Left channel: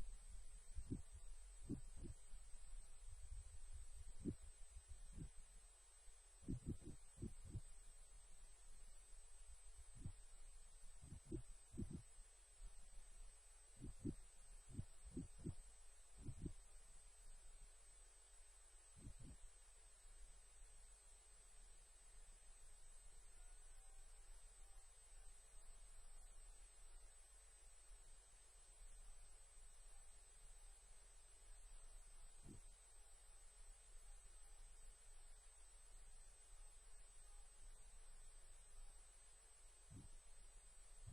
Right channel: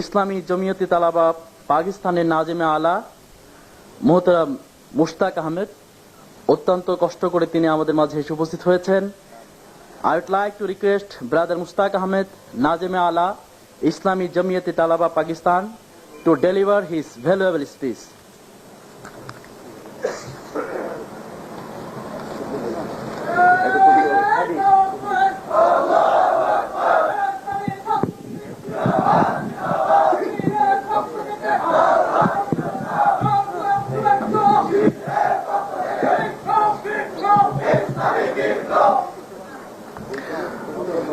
ইসলামী জমিয়তে তালাবা পাকিস্তানের নাজেমে আলা মোহতারাম মুশতাক আহমেদ অত্যন্ত কষ্ট করে তিনি আমাদের মাঝে এসে উপস্থিত হয়েছেন। I would like to request Brother Mushtaq Ahmed, Nazim-e Ala, Islami Jamiyat-e Talaba, Pakistan, to deliver his valuable speech.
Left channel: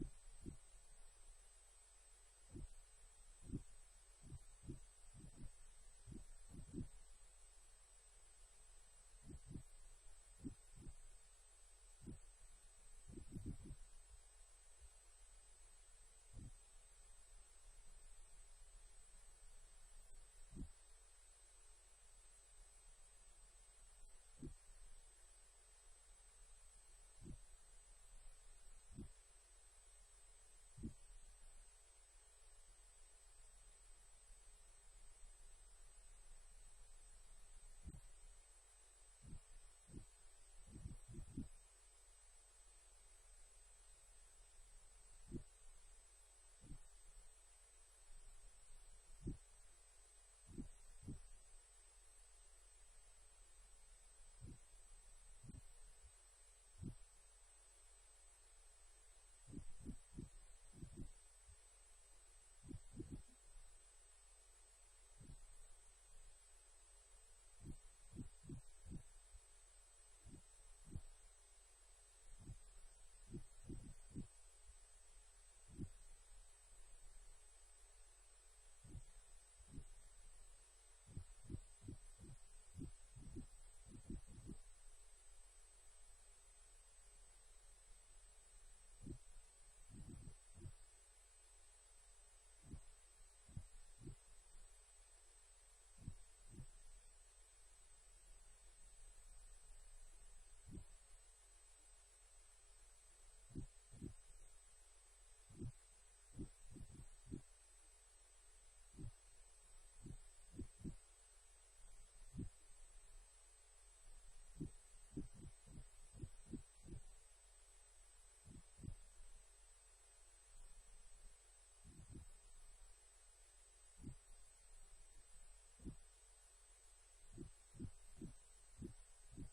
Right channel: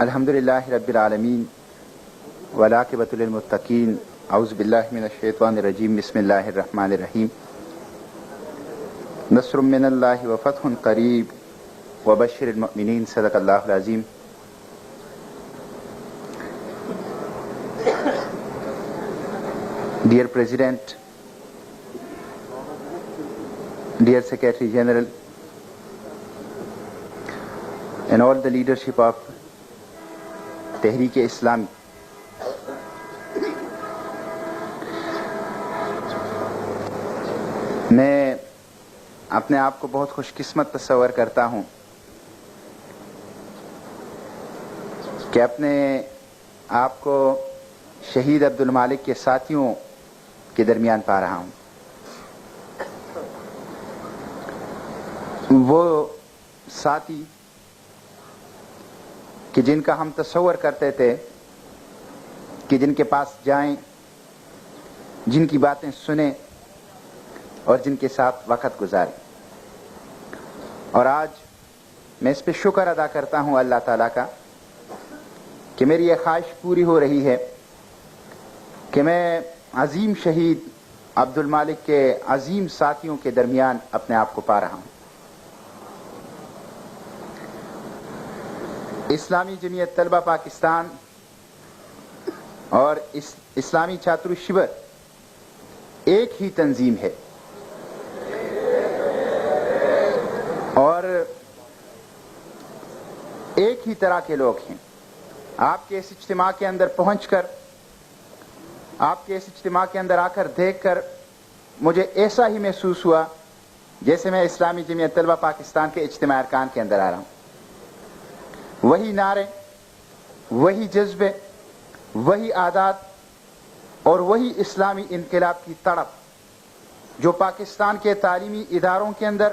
الحمدللہ رب العالمین والعاقبۃ للمتقین اعوذ باللہ من الشیطان الرجیم بسم اللہ الرحمن الرحیم نصر من اللہ وفتح قریب وبشر المؤمنین صدق اللہ العظیم. Dear President, dear Secretary General, and all the leadership of تحریک اسلامی, میں اپنے آپ کو بہت خوش قسمت تصور کرتا ہوں کہ اپنے آپ کو شہید عبد المالک کے ساتھیوں کے درمیان پا رہا ہوں. وہ ساتھی کہ جن کا ہم تصور کرتے تھے کہ جن کے پاس جائیں, جن کی باتیں سنیں اور جن کے ساتھ وقت گزاریں. اور آج میں اس پہ شکر ادا کرتا ہوں اللہ تعالیٰ کا کہ میری یہ خواہش پوری ہو رہی ہے کہ میں عظیم شہید عبد المالک کے عظیم ساتھیوں کے درمیان اپنے آپ کو پا رہا ہوں. اسلامی جمعیت طلبہ پاکستان اور اسلامی چھاتر شبر ایک ہی تنظیم ہے اور ایک ہی طرح کے لوگ ہیں. آپ کے اس اجتماع کے اندر پہنچ کر, آپ کے اس اجتماع کے اندر آ کر دیکھ کر مجھے ایسا ہی محسوس ہوا جیسے میں اسلامی جمعیت طلبہ پاکستان کے اجتماع ارکان کے اندر آ رہا ہوں. وہی نعرے, وہی جذبے, وہی عادات اور وہی اسلامی انقلاب کی تڑپ جو پاکستان کے تعلیمی اداروں کے اندر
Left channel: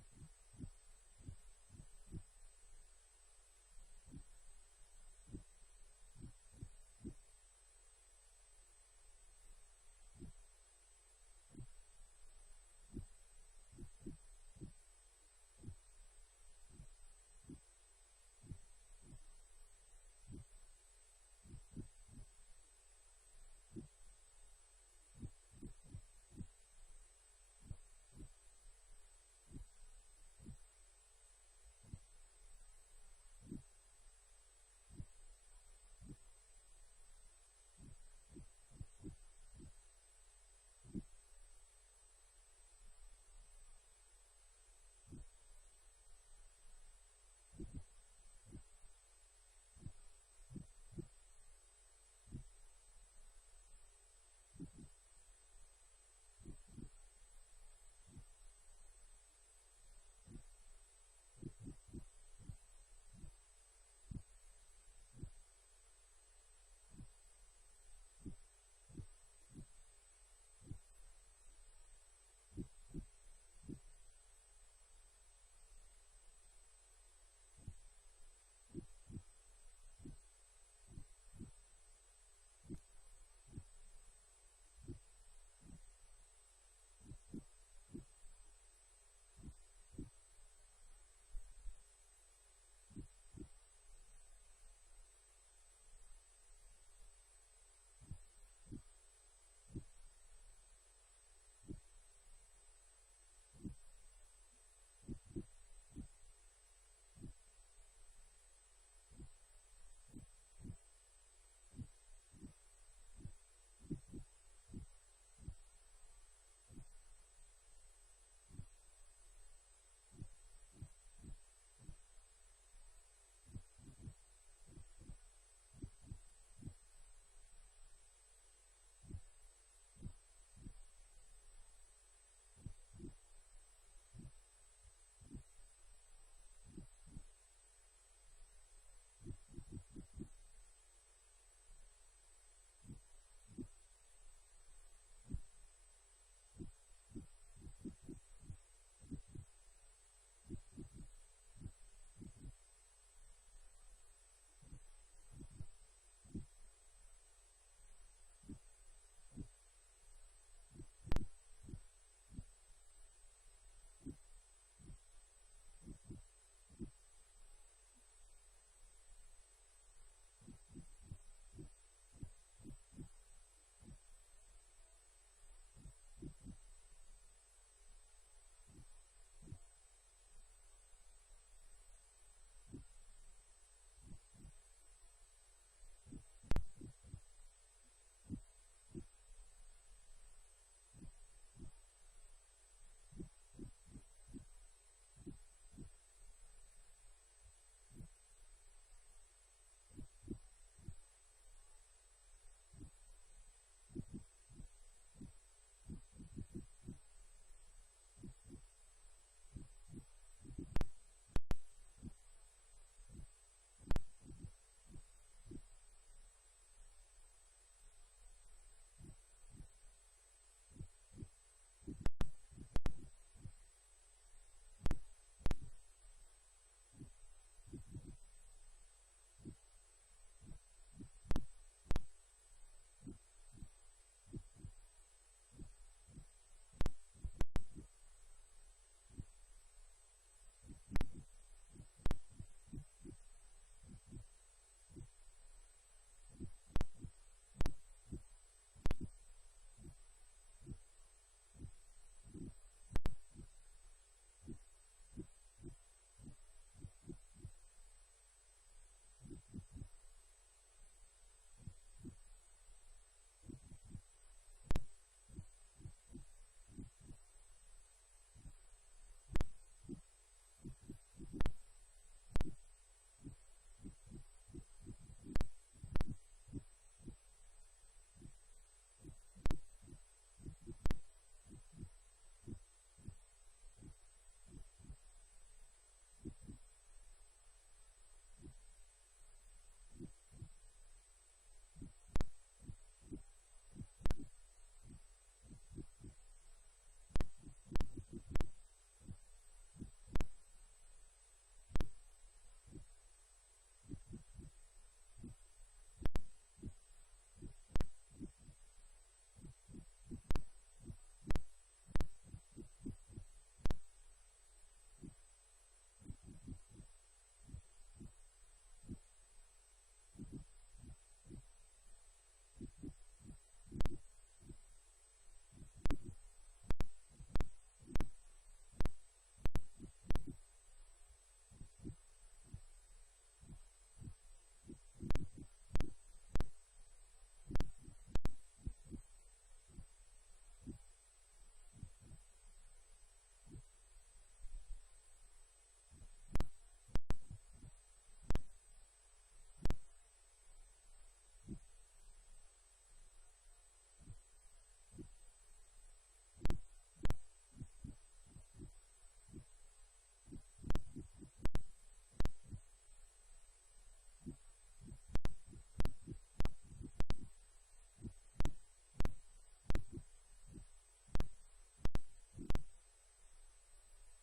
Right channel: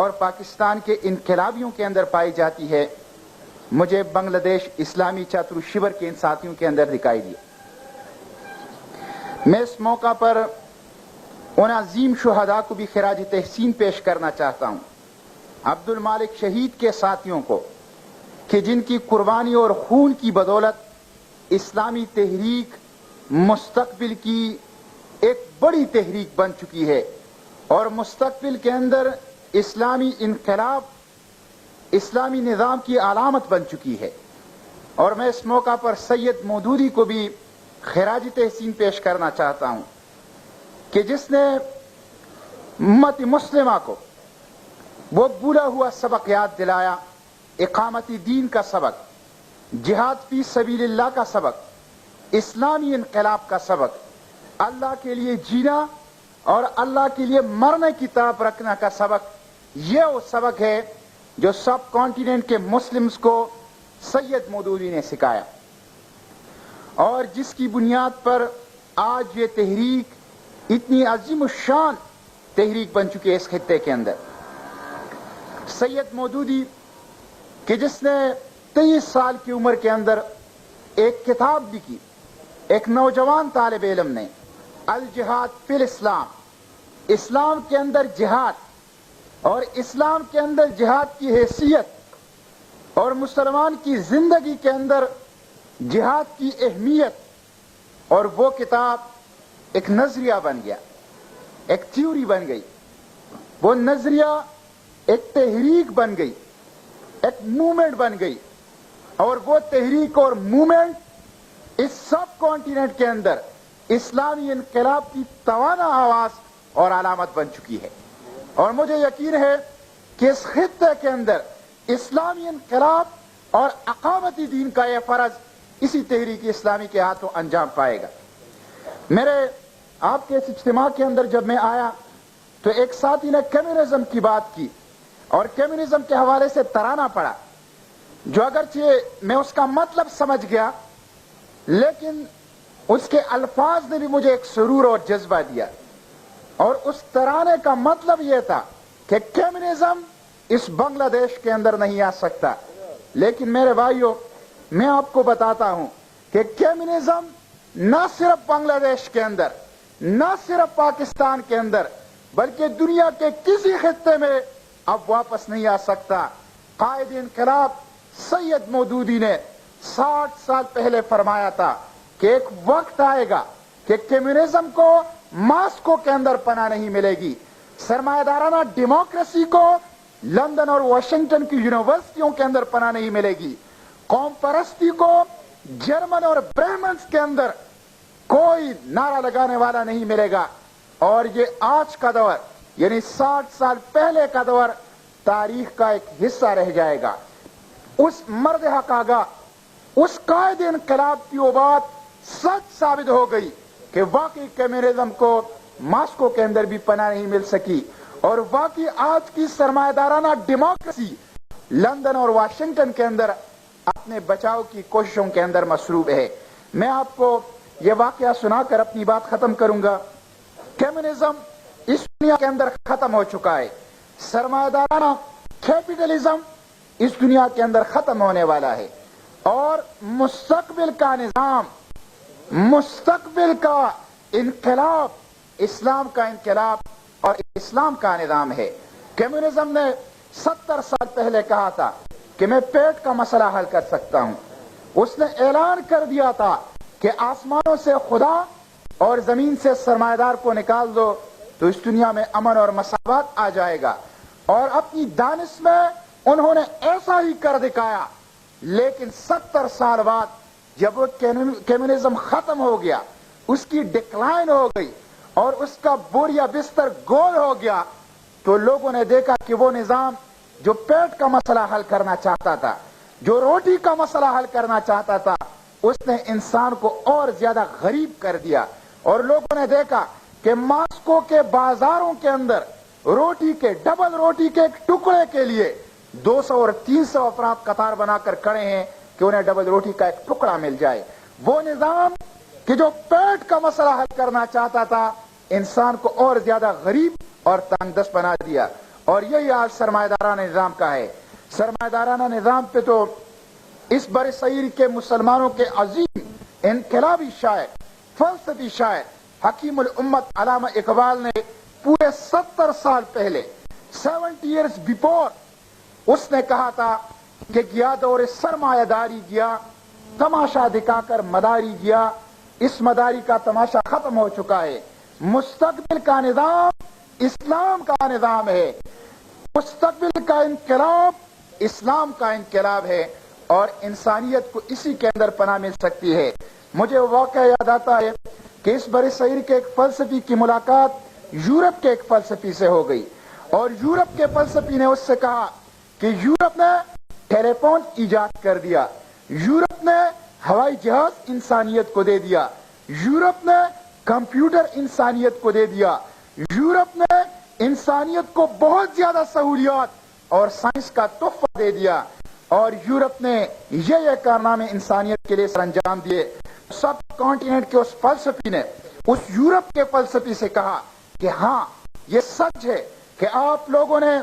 اور پاکستان کے انقلابیوں کے اندر پائی جاتی ہے, مجھے بنگلہ دیش اسلامی چھاتر شبر کے ان ساتھیوں کے اندر دکھائی دیا. میں اس موقع پر ان عظیم شہداء کو بھی خراج تحسین پیش کرنا چاہتا ہوں, عبد المالک شہید کے ساتھیوں کو, کہ جن کی قربانی اور خون کی بدولت اسلامی تحریک مستقبل کی ایک بڑی تحریک بن چکی ہے اور مستقبل کے اندر اسلامی انقلاب, اسلامی نظام کی علامت بن چکی ہے. اور میں اس موقع پر سید مودودی کو بھی خراج تحسین پیش کرنا چاہتا ہوں کہ جس نے امت مسلمہ کو وہ بھولا ہوا سبق یاد دلایا, اقامت دین کا سبق, جہاد فی سبیل اللہ کا سبق, اسلامی انقلاب کا سبق, اللہ کے لیے جینا اور اللہ کے لیے مرنے کی طرف رکھنا کا سبق. یہ وہ سبق ہے جو سب کانٹیننٹ کے مسلمز کو سید مودودی نے سکھایا اور جس کی بنیاد پر آج یہ تحریک اتنی عظیم الشان تحریک بن چکی ہے اس خطے کے اندر. سید مودودی کہ جس نے 23 سال کی عمر کے اندر ایک کتاب لکھی, ایک نوجوان طالب علم نے, الجہاد فی الاسلام, اسلام کے اندر جہاد اور اسلام کے اندر جہاد کی حیثیت اور مسلمان کی زندگی کے اندر جہاد کی اہمیت, اور وہ کتاب ایک نظریہ بن گیا, ایک تھیوری بن گئی. وہ نظریہ ایک تحریک بن گئی, ایک موومنٹ بن گئی, اور وہ تحریک اور موومنٹ اس سب کانٹیننٹ کے اندر اسلامی انقلاب کی توانا آواز اور علامت بن چکی ہے. اور مجھے یقین ہے کہ اس خطے کے اندر اسلامی انقلاب اور اقامتی دین کا یہ فرض इसी तहरीक इस्लामी के हाथों अंजाम पाएगा। मेरे आपके इस इज्तिमा के अंदर जब मैं आया तो एक साथी ने कम्युनिज्म की बात की और कम्युनिज्म के हवाले से तराना पड़ा, जो अगरचे मैं उसका मतलब समझ गया, लेकिन उसके अल्फाज ने भी मुझे एक सुरूर और जज्बा दिया। और उस तराने का मतलब यह था कि कम्युनिज्म इस बांग्लादेश के अंदर नहीं आ सकता। लेकिन मेरे भाइयों, मैं आपको बताता हूं कि कम्युनिज्म न सिर्फ बांग्लादेश के अंदर, न सिर्फ पाकिस्तान के अंदर, बल्कि दुनिया के किसी खित्ते में अब वापस नहीं आ सकता। कायद इनकलाब सैयद मौदूदी ने 60 साल पहले फरमाया था कि एक वक्त आएगा कि कम्युनिज्म को मास्को के अंदर पनाह नहीं मिलेगी, सरमायादाराना डेमोक्रेसी को लंदन और वाशिंगटन की यूनिवर्सिटियों के अंदर पनाह नहीं मिलेगी, कौम परस्ती को जर्मन और ब्राह्मण्स के अंदर कोई नारा लगाने वाला नहीं मिलेगा। और ये आज का दौर, यानी 60 साल पहले का दौर, तारीख का एक हिस्सा रह जाएगा। उस मर्द हक आगा, उस कायद इनकलाब की वो बात सच साबित हो गई कि वाकई कम्युनिज्म को मास्को के अंदर भी पनाह नहीं मिल सकी, और वाकई आज की सरमायादाराना डेमोक्रेसी लंदन और वाशिंगटन के अंदर अपने बचाव की कोशिशों के अंदर मसरूफ है। मैं आपको यह वाकया सुनाकर अपनी बात खत्म करूंगा। कम्युनिज्म इस दुनिया के अंदर खत्म हो चुका है, सरमायादाराना कैपिटलिज्म इस दुनिया के अंदर खत्म होने वाला है, और मुस्तकबिल का निजाम, मुस्तकबिल का इनकलाब इस्लाम का इनकलाब और इस्लाम का निजाम है। कम्युनिज्म ने 70 साल पहले कहा था कि मैं पेट का मसला हल कर सकता हूं। उसने ऐलान कर दिया था कि आसमानों से खुदा और जमीन से सरमायादार को निकाल दो तो इस दुनिया में अमन और मसावत आ जाएगा। और अपनी दानिश में उन्होंने ऐसा ही कर दिखाया। लेकिन 70 साल बाद जब वो कम्युनिज्म खत्म हो गया, उसकी डिक्लाइन हो गई और उसका बोरिया बिस्तर गोल हो गया, तो लोगों ने देखा कि वो निजाम जो पेट का मसला हल करना चाहता था, जो रोटी का मसला हल करना चाहता था, उसने इंसान को और ज्यादा गरीब कर दिया। और लोगों ने देखा कि मास्को के बाजारों के अंदर रोटी के, डबल रोटी के एक टुकड़े के लिए 200 और 300 अफराद कतार बनाकर खड़े हैं कि उन्हें डबल रोटी का एक टुकड़ा मिल जाए। वो निजाम कि जो पेट का मसला हल करना चाहता था, इंसान को और ज्यादा गरीब और तंगदस्त बना दिया। और यही आज सरमायादाराना निजाम का है। सरमायादाराना निजाम पे तो इस बरसगीर के मुसलमानों के अजीम इनकलाबी शायर, फलसफी शायर हकीमुल उम्मत अल्लामा इकबाल ने पूरे 70 साल पहले, 70 ईयर्स बिफोर, उसने कहा था कि गया दौर सरमायादारी गया, तमाशा दिखाकर मदारी गया, इस मदारी का तमाशा खत्म हो चुका है। मुस्तकबिल का निजाम इस्लाम का निजाम है, मुस्तकबिल का इनकलाब इस्लाम का इनकलाब है, और इंसानियत को इसी के अंदर पनाह मिल सकती है। मुझे वो वाक़या याद आता है कि इस बरसगीर के एक फलसफी की मुलाकात यूरोप के एक फलसफी से हो गई, और यूरोप के फलसफी ने उससे कहा कि यूरोप ने टेलीफोन इजाद कर दिया, यूरोप ने हवाई जहाज इंसानियत को दे दिया, यूरोप ने कंप्यूटर इंसानियत को दे दिया, यूरोप ने इंसानियत को बहुत ज्यादा सहूलियत और साइंस का तोहफा दे दिया, और यूरोप ने ये कारनामे इंसानियत के लिए सरंजाम दिए। सब कॉन्टिनेंट के उस फलसफी ने उस यूरोप के फलसफी से कहा कि हाँ, ये सच है कि आप लोगों ने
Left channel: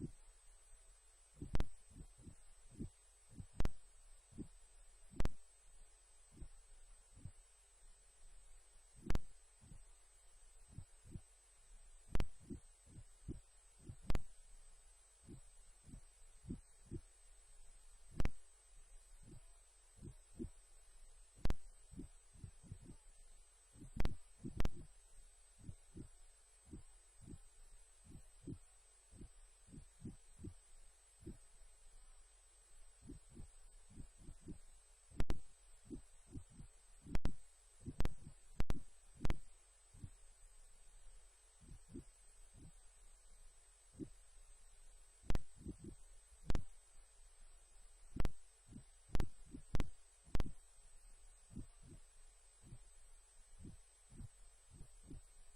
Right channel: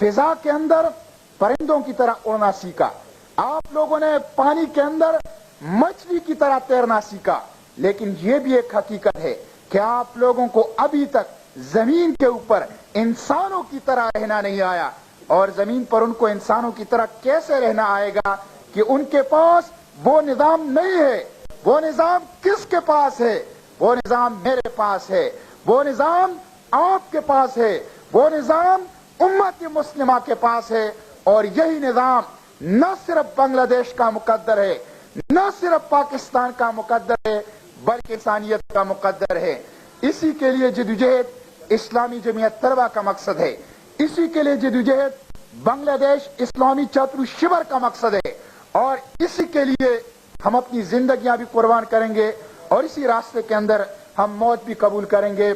फिजा के अंदर परिंदों की तरह उड़ना सीखा, आप लोगों ने पानी के अंदर मछली की तरह तैरना सीखा, लेकिन यह भी एक हकीकत है कि आप लोगों को अभी तक जमीन के ऊपर इंसानों की तरह रहना नहीं आया। और जमीन पर उनको इंसानों की तरह कैसे रहना आएगा कि उनके पास वो निजाम नहीं है। वो निजाम किसके पास है? वो निजाम मेरे पास है, वो निजाम आपके पास है, वो निजाम उम्मत मुस्लिमा के पास है। और यही निजाम न सिर्फ बांग्लादेश का मुकद्दर है, न सिर्फ पाकिस्तान का मुकद्दर है, बल्कि इंसानियत का मुकद्दर है। इसी के लिए जदोजहद इस्लामी जमीयत तलबा का मकसद है, इसी के लिए जदोजहद बांग्लादेश इस्लामी छात्र शिविर का मकसद है, और इसी के लिए ہم اپنی زندگیاں بھی قربان کریں گے اور اسی راستے کے اندر ہم موت بھی قبول کریں گے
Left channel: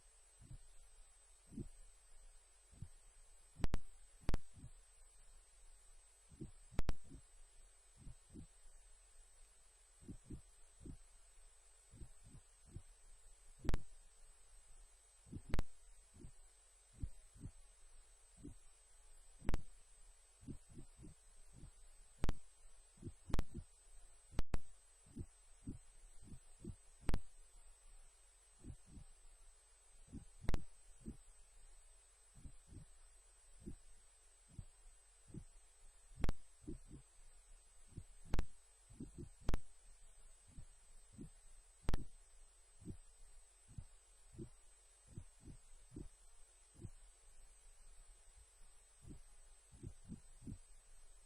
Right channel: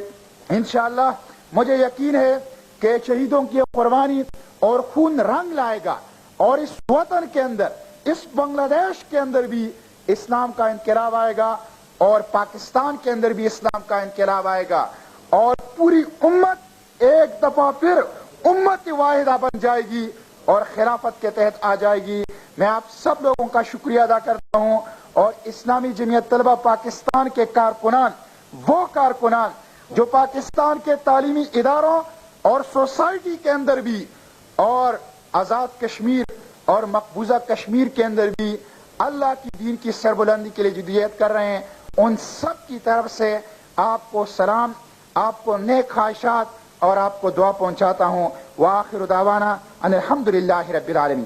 انشاءاللہ۔ مجھے یقین ہے کہ شہیدوں کی قربانی اور خون رنگ لائے گا اور اس وطن کے اندر، اس بنگلہ دیش کے اندر بھی اسلام کا انقلاب آئے گا اور پاکستان کے اندر بھی اسلام کا انقلاب آئے گا اور پوری امت ایک دفعہ پھر امت واحدہ بن جائے گی اور خلافت کے تحت آ جائے گی۔ میں آپ سب لوگوں کا شکریہ ادا کرتا ہوں اور اسلامی جمعیت طلبہ پاکستان کے کارکنان، وہ کارکنان جو پاکستان کے تعلیمی اداروں اور سوسائٹی کے اندر بھی اور آزاد کشمیر اور مقبوضہ کشمیر کے اندر بھی اللہ کی دین کی سربلندی کے لیے جدوجہد کر رہے ہیں، ان سب کی طرف سے آپ کو سلام، آپ کو نیک خواہشات اور آپ کو دعا پہنچاتا ہوں۔ وآخر دعوانا ان الحمدللہ رب العالمین۔